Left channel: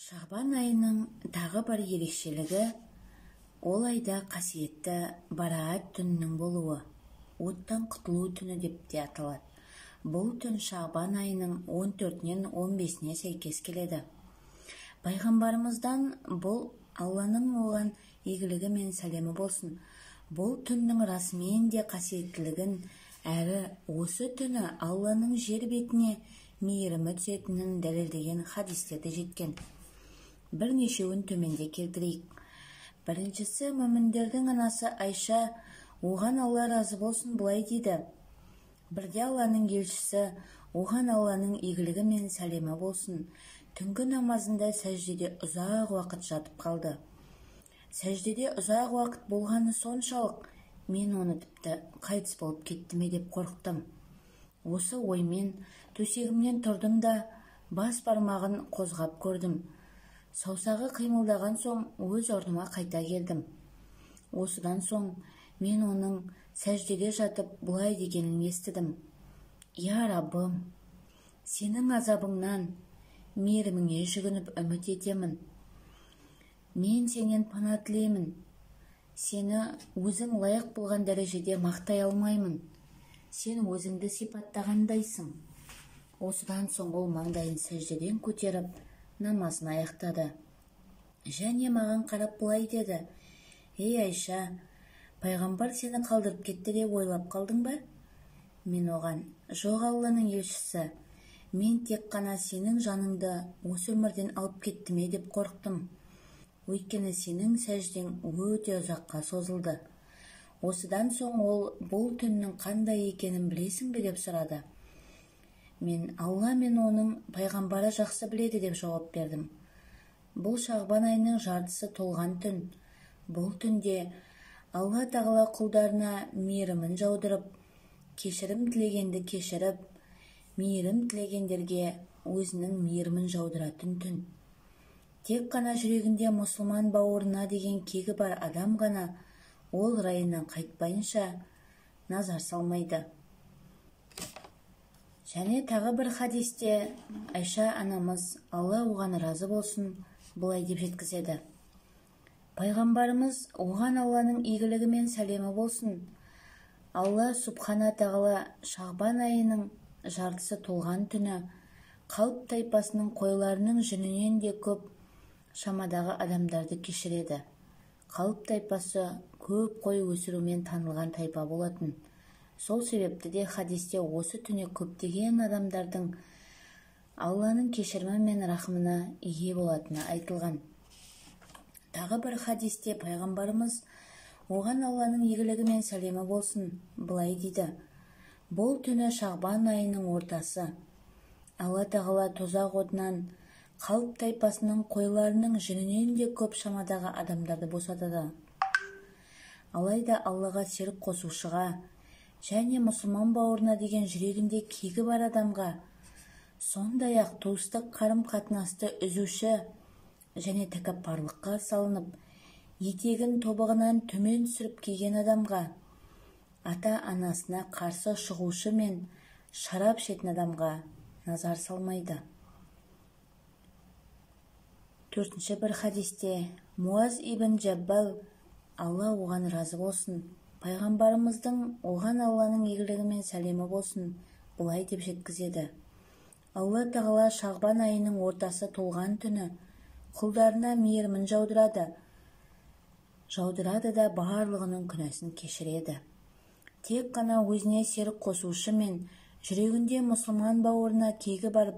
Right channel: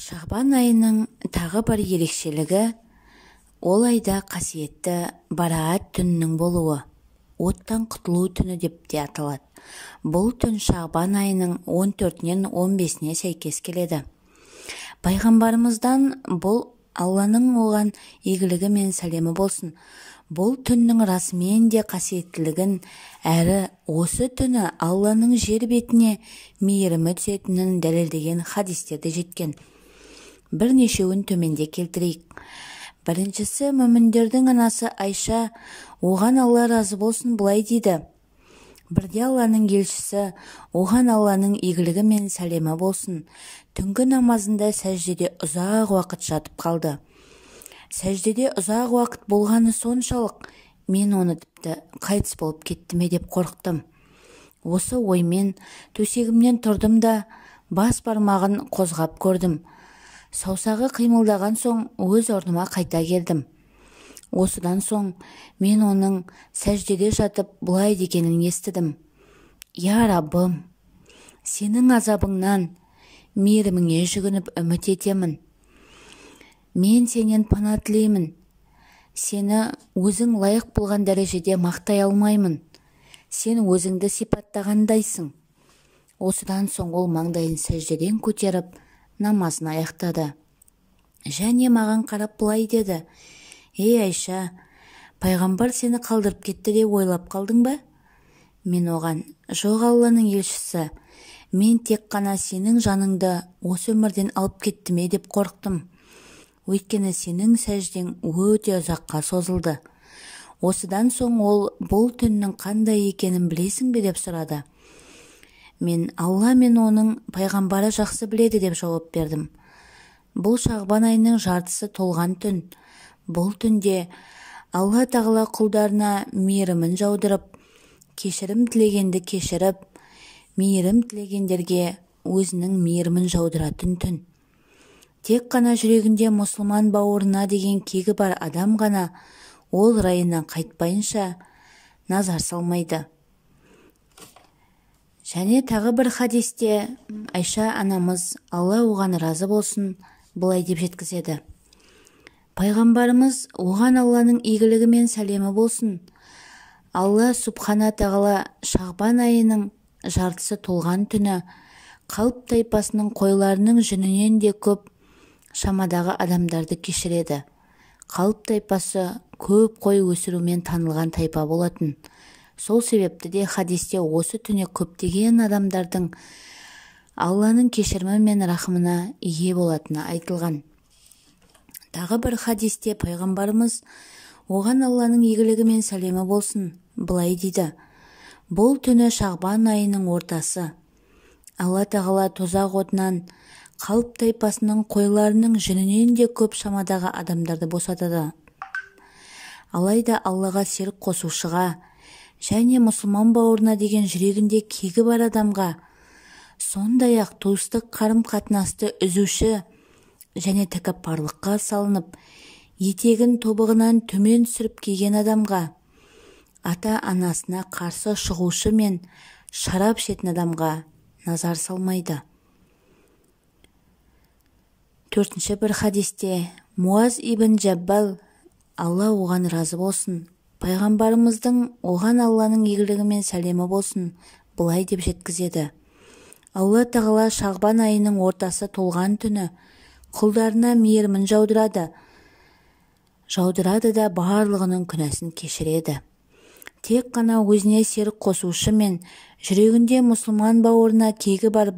Шағбан айының тағы бір ерекшелігі ол айда қасиетті Бараат түнінің болуы, оттан құтылу түні деп те аталады. Бұл түн Шағбан айының 14-нен 15-не сәйкес келеді. Пайғамбарымыздан бұл Алланың оған игілігі мен сәлемі болсын. Бұл түннің расымен де қасиеттілігін, әрі осы түні Алланың жер бетіне мейірімі түсетінін дәлелдеген хадистерде жеткен. Бірнешеуін төменде келтірейік. Біріншісі, мүміндердің анасы Айша, оған Алла разы болсын, былай дейді: бірде Алланың елшісі, оған Алланың игілігі мен сәлемі болсын, түнгі намазында сәждеде ұзақ уақыт жатып қалды. Сәждеде ұзақ уақыт болғаны соншалық, мен оны тіпті қайтыс болып кетті ме деп қорықтым. Осы оймен төсегімнен тұрдым да бас бармағын қозғап көрдім. Саусағы қимылдаған соң өз орныма қайта келдім. Осыдан соң мен оның сәждеде жатып бұлай дегенін естідім: Я Раббым, сенің азабыңнан мейіріміңе жүгініп үміт етемін. Мен сенен пана тілеймін. Сені өзің лайық болған дәрежеде мақтай алмаймын. Сен өзіңді сипаттағандайсың. Осыдан соң ол маңдайын сәждеден көтеріп намазын аяқтады. Және маған қарап былай деді: Ей Айша, пайғамбар сені қалдырып кетті деп ойлап қалдың ба? Мен оған: Жоқ, Алланың елшісі, мен тек қана сенің жаныңды осы өмірден алып кетті ме деп қорықтым. Өйткені сенің сәждең өте ұзаққа созылды. Осыдан соң ол бұл түннің қандай екенін білесің бе деп сұрады. Мен: Алла мен оның пайғамбары жақсы біледі деп жауап бердім. Бұл Шағбан айының жартысы толған түн. Бұл түнде Алла тағала құлдарына мейірімін жаудырып, кешірім тілегенді кешіріп, мейірім тілегендерге өзінің мейірімін жаудыратын түн. Тек қана жүрегінде мұсылман бауырына деген кегі бар адам ғана ол райынан қайтпайынша назар салмайды. Және тағы бір хадисте Айша анамыз, Алла оған разы болсын, былай деп жеткізеді: Пайғамбарымыз, оған Алланың игілігі мен сәлемі болсын, Алла Субхана тағала Шағбан айының жартысы толған түні қалып тайпасының қойларының жүнінен де көп шамадағы адамдарды кешіреді. Қалып тайпасы көп қой өсірумен танылған тайпа болатын. Сол себепті де хадисте осы түне көптеген адамдардың Алланың кешірімі мен рахымына ие болатыны айтылған. Тағы бір хадисте пайғамбарымыз, оған Алланың игілігі мен сәлемі болсын, былай дейді: Бұл түні Шағбан айының ортасы. Алла тағала тозақ отынан қалып тайпасының қойларының жүнінен де көп шамадағы адамдарды босатады. Алайда Аллаға серік қосушыға және мұсылман бауырына деген жүрегінде кегі бар адамға, сондай-ақ туыстық қарым-қатынасты үзуші және тәкаппарлыққа салынып, етегін тобығынан төмен түсіріп киген адамға, ата-анасына қарсы шығушы мен шарап ішетін адамға назар салмайды. Төртінші бір хадисте Муаз ибн Джаббал, Алла оған разы болсын, пайғамбарымыздың, оған Алланың игілігі мен сәлемі болсын, былай деп жеткізеді: Алла тағала Шағбан айының ортасы толған түні құлдарына мейірімін жаудырады да барлығының күнәсін кешіреді. Тек қана өзіне серік қосушы мен жүрегінде мұсылман бауырына кегі бар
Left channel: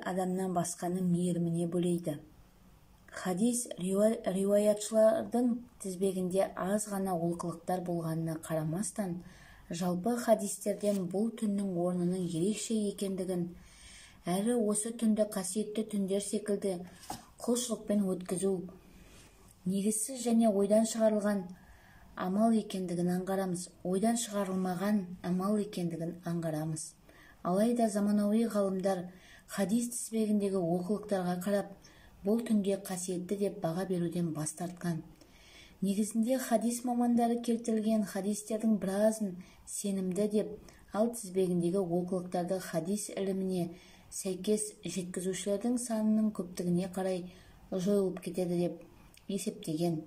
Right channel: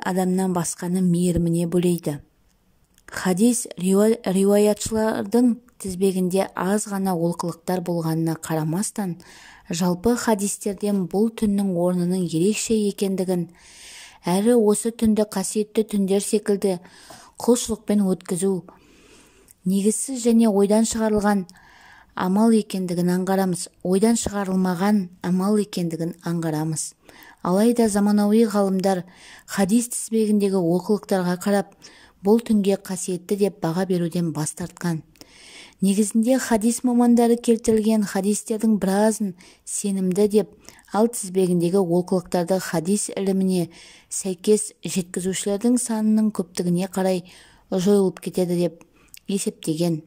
адамнан басқаны мейіріміне бөлейді. Хадис риуаятшылардың тізбегінде аз ғана олқылықтар болғанына қарамастан, жалпы хадистерден бұл түннің орнының ерекше екендігін, әрі осы түнді қасиетті түндер секілді құлшылықпен өткізу негізсіз және ойдан шығарылған амал екендігін аңғарамыз. Ойдан шығарылмаған амал екендігін аңғарамыз. Алайда заманауи ғалымдар хадис тізбегіндегі олқылықтарға қарап, бұл түнге қасиетті деп баға беруден бас тартқан. Негізінде хадис мамандары келтірілген хадистердің біразын сенімді деп, Ал тізбегіндегі олқылықтарды хадис іліміне сәйкес жеткізушілердің санының көптігіне қарай жойылып кетеді деп есептеген.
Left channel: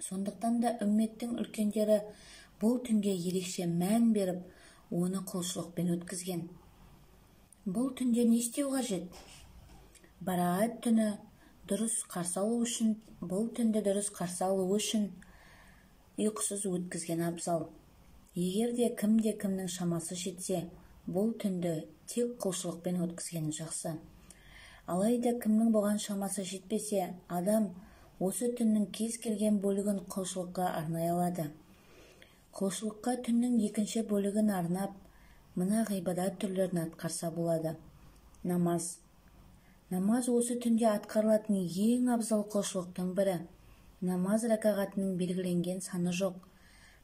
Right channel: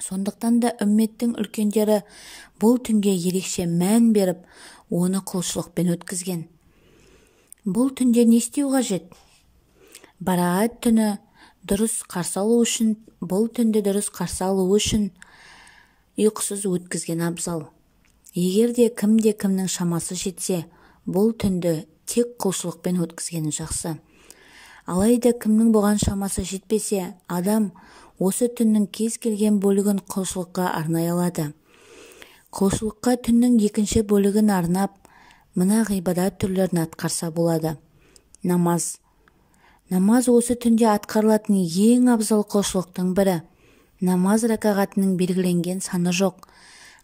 Сондықтан да үмметтің үлкендері бұл түнге ерекше мән беріп, оны құлшылықпен өткізген. Бұл түнде не істеу қажет? Бараат түні дұрыс қарсы алу үшін, бұл түнді дұрыс қарсы алу үшін ұйқысыз өткізген абзал. Егер де кімнің шамасы жетсе, бұл түнді тек құлшылықпен өткізгені жақсы. Алайда кімнің бұған шамасы жетпесе, адам осы түннің кез келген бөлігін құлшылыққа арнай алады. Құлшылыққа түннің екінші бөлігін арнап, мына ғибадат түрлерін атқарса болады. Намаз. Намаз осы түнде атқарылатын ең абзал құлшылықтың бірі. Намаз ракағатының белгіленген саны жоқ,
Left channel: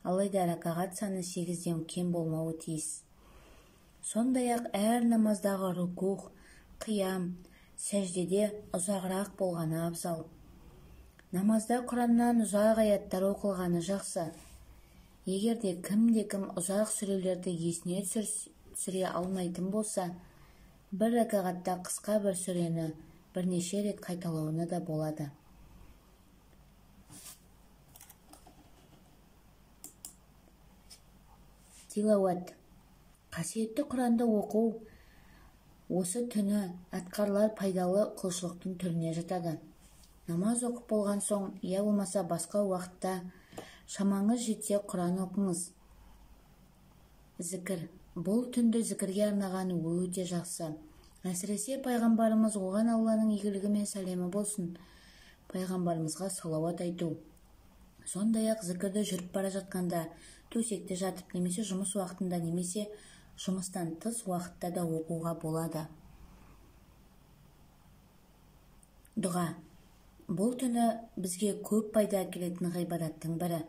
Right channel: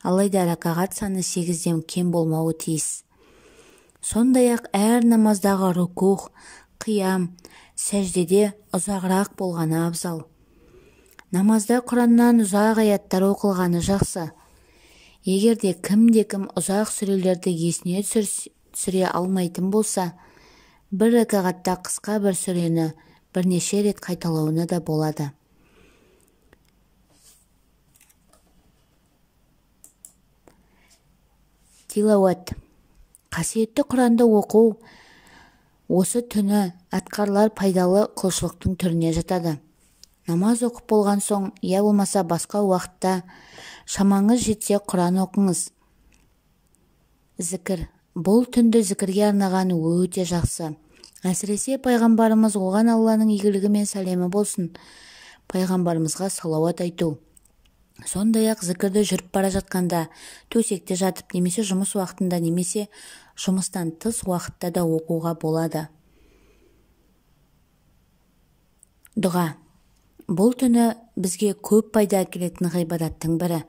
алайда ракағат саны 8-ден кем болмауы тиіс. Сондай-ақ әр намаздағы рукух, қиям, сәждеде ұзағырақ болғаны абзал. Намазда Құраннан ұзақ аяттар оқылғаны жақсы. Егер де кім ұзақ сүрелерді есіне түсіре алмайтын болса, бір ракағатта қысқа бір сүрені бірнеше рет қайталауына да болады. Тилауат. Қасиетті Құранды оқу осы түні атқарылар пайдалы құлшылықтың түріне жатады. Намаз оқып болған соң, я болмаса басқа уақытта шамаңыз жетсе Құран оқыңыз. Зікір. Бұл түнді зікірге арнаған өте жақсы. Әсіресе пайғамбарымыз, оған Алланың игілігі мен сәлемі болсын, пайғамбарымызға салауат айту. Сондай-ақ зікірді жүріп бара жатқанда, төсекте жатып, немесе жұмыс уақытында, немесе жұмыстан тыс уақытта да оқуға болады. Дұға. Бұл түні бізге көп пайда әкелетін ғибадаттың бірі.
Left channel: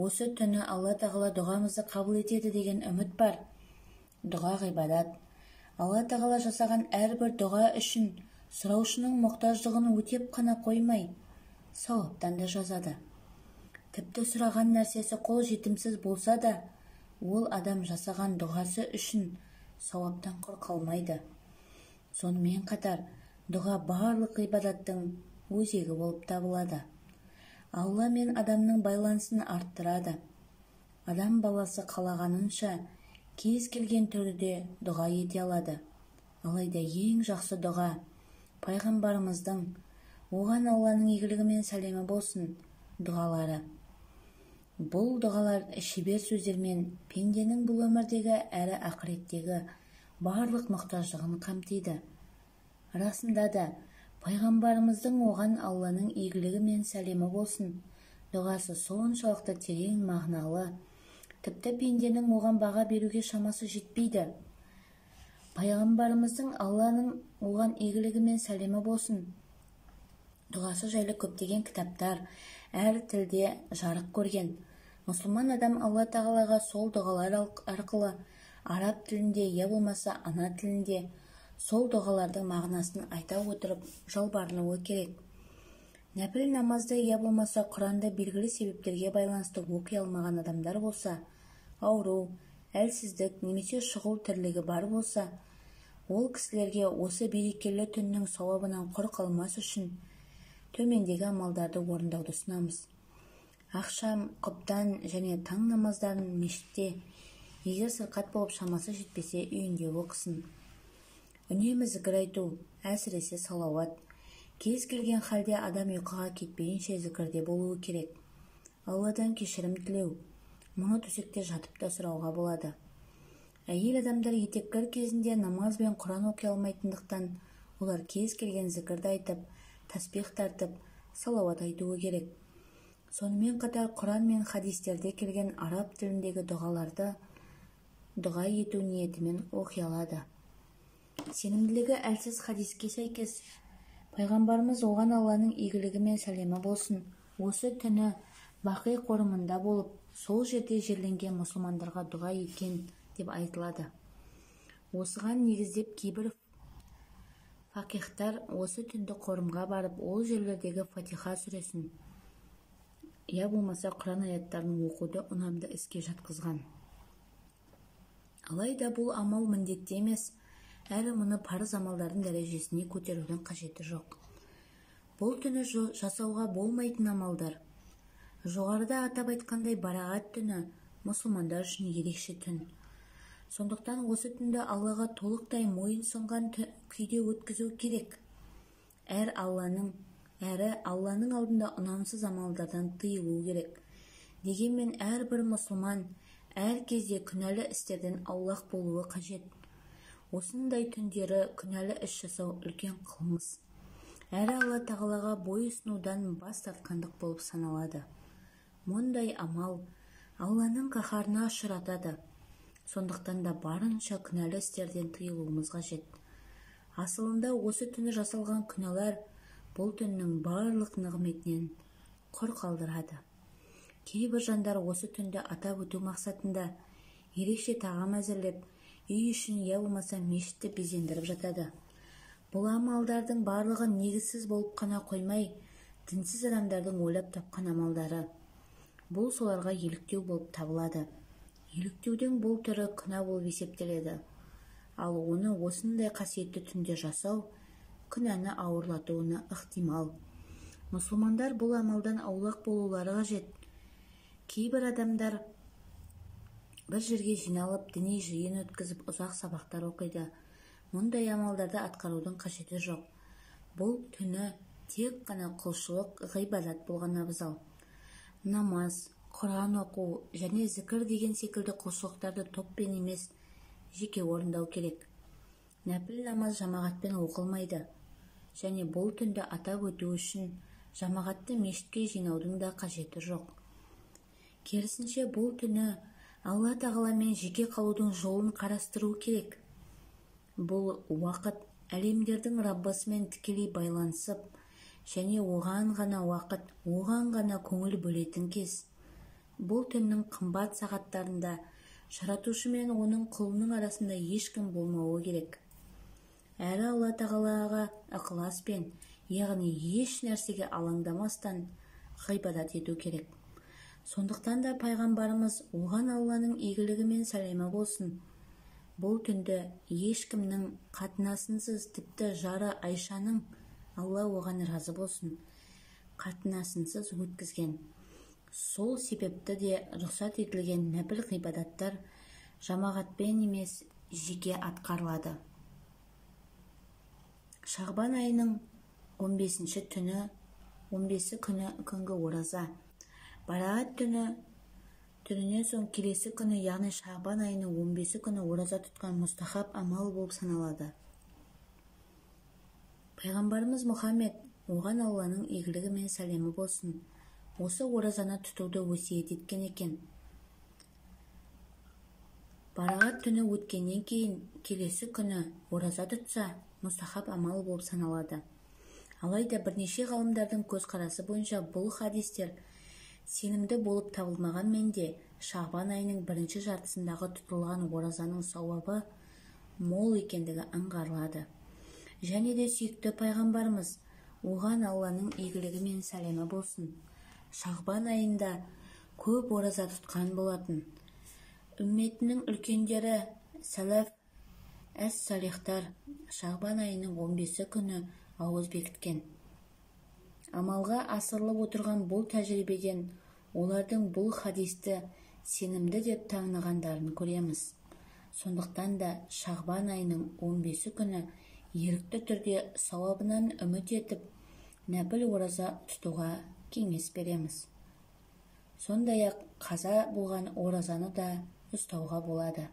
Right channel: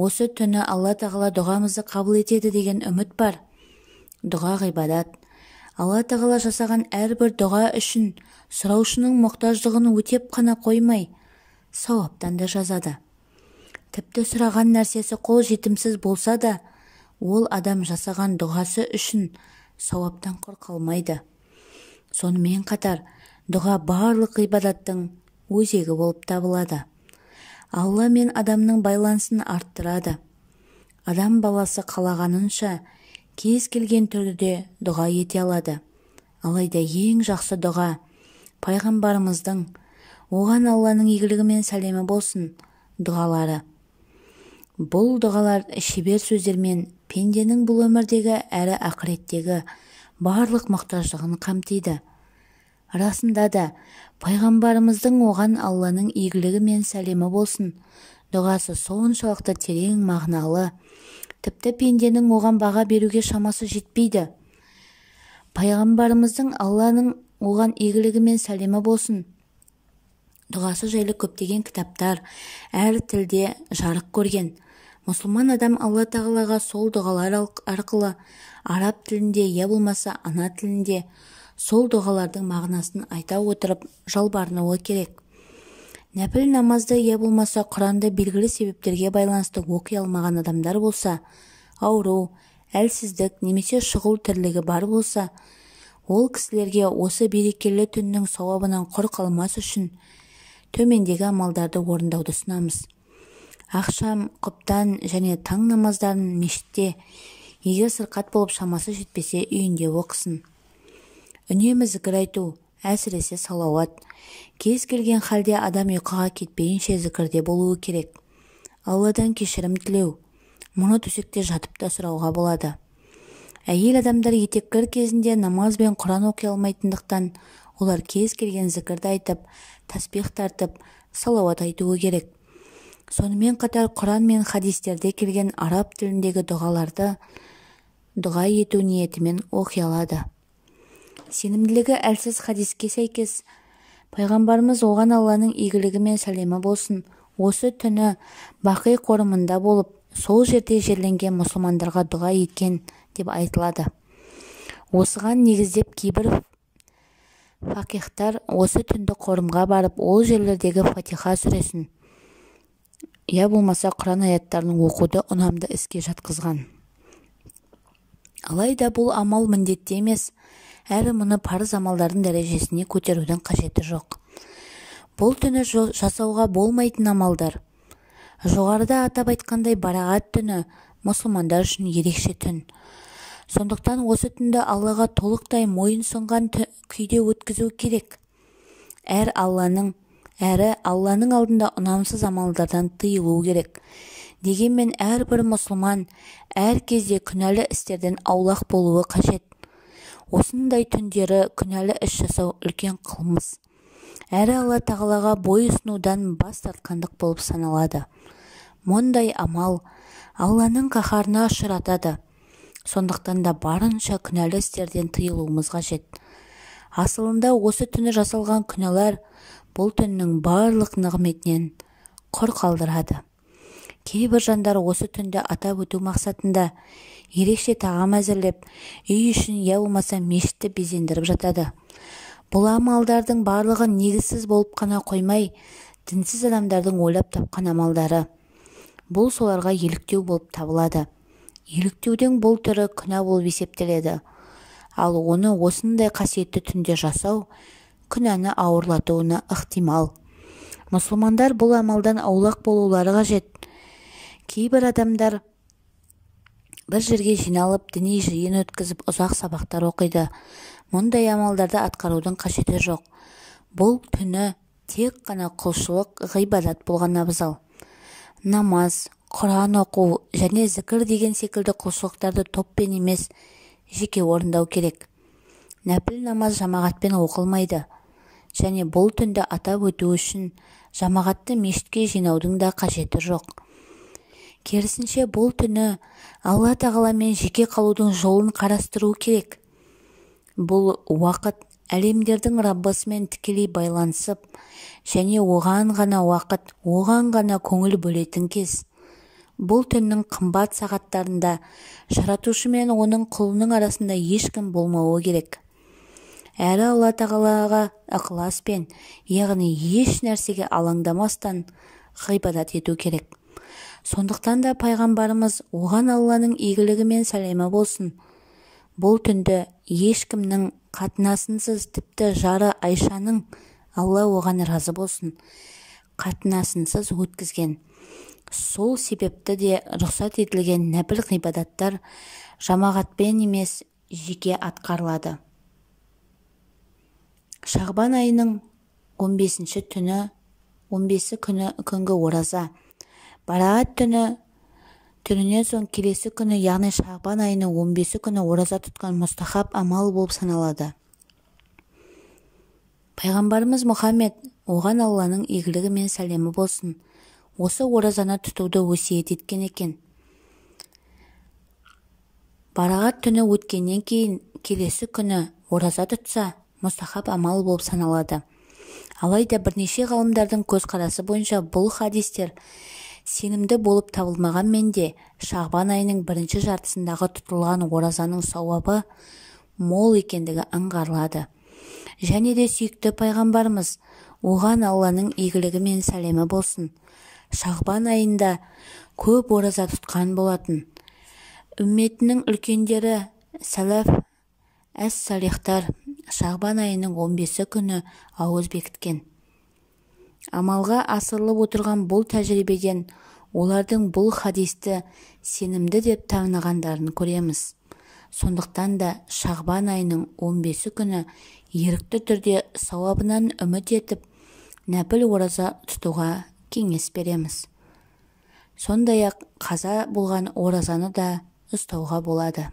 Осы түні Алла тағала дұғамызды қабыл етеді деген үміт бар. Дұға ғибадат. Алла тағала жасаған әрбір дұға үшін сұраушының мұқтаждығын өтеп қана қоймай, сауаптан да жазады. Тіпті сұраған нәрсесі қол жетімсіз болса да, ол адам жасаған дұғасы үшін сауаптан құр қалмайды. Сонымен қатар, дұға барлық ғибадаттың өзегі болып табылады. Алла мен адамның байланысын арттырады. Адам баласы қалағанынша кез келген түрде дұға ете алады. Алайда ең жақсы дұға пайғамбарымыздың, оған Алланың игілігі мен сәлемі болсын, дұғалары. Бұл дұғалар шебер сөздермен пенденің бұл өмірдегі әрі ақыреттегі барлық мұқтаждығын қамтиды. Расында да, пайғамбарымыздың оған Алланың игілігі мен сәлемі болсын дұғасы соншалықты терең мағыналы, тіпті пенденің оған баға беруге шамасы жетпейді. Пайғамбарымыздың Алланың оған игілігі мен сәлемі болсын дұғасы жайлы көптеген кітаптар әр тілде жарық көрген. Мұсылман адам Алла тағалаға сол дұғалар арқылы араб тілінде, я болмаса ана тілінде сол дұғалардың мағынасын айта отырып жалбарынуы керек. Нәпіл намазды, я болмаса Құранды белгілі себептерге байланысты оқи алмаған адамдар болса, ауру, әлсіздік немесе шұғыл тірлігі бар болса, ол кісілерге осы берекелі түннің сауабынан құр қалмас үшін төмендегі амалдарды орындауды ұсынамыз. Ақшам, құптан және таң намаздарын мешітте, егер сырқат болып шамасы жетпесе үйінде оқысын. Үнемі зікір айту, әсіресе салауат. Кез келген халде адам ұйқыға кетпейінше зікірде болуы керек. Алладан кешірім тілеу, мұны төсекте жатып та сұрауға болады. Әйел адамдар етеккір кезінде намаз бен Құран оқи алмайтындықтан, олар кез келген зікірді айтып, тасбих тартып, салауат айтуы керек. Сонымен қатар Құран мен хадистерде келген араб тіліндегі дұғаларды дұға ету ниетімен оқи алады. Сенімділігі әлсіз хадиске сәйкес, пайғамбарымыз оған Алланың игілігі мен сәлемі болсын, осы түні Бақи қорымында болып, сол жерде жерленген мұсылмандарға дұға еткен деп айтылады. Осыған негіздеп кейбір фақихтар осы түнді қорымға барып, ол жерлердегі Фатиха сүресін, я болмаса Құран аяттарын оқуды ұнамды іске жатқызған. Алайда бұл амал міндетті емес, әрі мұны парыз амалдардың дәрежесіне көтерудің қажеті жоқ. Бұл түні жасауға болмайтын амалдар. Жоғарыда атап айтқандай, Барағат түні мұсылмандар үшін ерекше түн. Сондықтан осы түнді Аллаға толықтай мойын сұнған күйде өткізу керек. Әрі Алланың алдында ұнамсыз амалдардан тыйылу керек. Дегенмен әрбір мұсылман әр кезде күнәлі істерден аулақ болуы қажет. Осындай түндері күнәлі іс жасау үлкен қылмыс. Әрі Алла тағалаға бой ұсынудан бас тартқандық болып саналады. Мұндай амал Алланың қаһарына ұшыратады. Сондықтан да барынша күнәлі істерден тыйылуымыз қажет. Асылында осы түні жасалған күнәлар бұл түннің барлық нығметінен құр қалдырады. Кейбір жандар осы түнді атап өту мақсатында ерекше тағам әзірлеп, үй үшін я болмаса мешітті безендіріп жатады. Бұл амалдардың барлығы негізсіз болып қана қоймай, дінсіз адамдардың ойлап тапқан амалдары. Бұл соларға еліктеу болып табылады. Еліктеудің бұл түрі күнә болып есептеледі. Ал оны осындай қасиетті түнде жасау күнәні ауырлатуына ықтимал. Мұсылмандар бұл амалдан аулақ болулары қажет. Кейбір адамдар бір жерге жиналып, діни жиын өткізіп, ұзақ сабақтар оқиды. Мұндай амалдарды атқарудың қажеті жоқ. Бұл түні тек қана құлшылық, ғибадат болған абзал. Намаз, Құран оқу және зікір деген секілді құлшылықтарды топпен емес, жеке орындау керек. Нәпіл намаз жамағатпен оқылмайды. Және бұл түнді атап өту үшін жамағатты мешітке жинаудың да қажеті жоқ. Керісінше бұл түні Алла тағаламен жеке қалудың жолын қарастыру керек. Бұл уақыт әлемдердің Раббысымен тікелей байланысып, және оған ғана уақыт, оған ғана көңіл бөлетін кез. Бұл түннің қымбат сағаттарында жаратушы мен оның құлының арасында ешкім болмауы керек. Әрі Алла тағалаға ықыласпен, яғни еш нәрсеге алаңдамастан ғибадат ету керек. Сондықтан да пайғамбарымыз оған Алланың игілігі мен сәлемі болсын, бұл түнді ешкімнің қатынасынсыз, тіпті жары Айшаның, Алла оған разы болсын, қатынасынсыз өткізген. Сол себепті де рұқсат етілген нәпіл ғибадаттар жамағатпен емес, жеке атқарылады. Шағбан айының 15-ші түні, 15 күнгі ораза. Барағат түнінен соң келесі күні, яғни Шағбан айының 15 күні ораза тұтқан мұстахаб амал болып саналады. Пайғамбарымыз Мұхаммед, оған Алланың игілігі мен сәлемі болсын, осы оразаны тұтуды өсиет еткен екен. Барағат түні өткеннен кейін келесі күні ораза тұтса, мұстахаб амал болып саналады. Алайда бірнеше ғалымдардың көзқарасы бойынша бұл хадистер сенімді болып табылмағанмен де Шағбан айының бірінші жартысындағы тұтылған оразаның сауабы мол екендігі аңғарылады. Және де сүйікті пайғамбарымыз, оған Алланың игілігі мен сәлемі болсын, Шағбан айында көп ораза тұтқан болатын. Үмметінің үлкендері сәләф әс-салихтар Шағбан айының 15 күні ауыз бекіткен. Амалға асырылып отырған бұл тәжірибеден олардың бұл хадисті сенімді деп танығандарын көреміз. Сондықтан да Шағбан айының 15 күні ерікті түрде сауабынан үміт етіп, нәпіл ораза тұтуға кеңес береміз. Сондай-ақ қаза болған оразаны да ұстауға болады.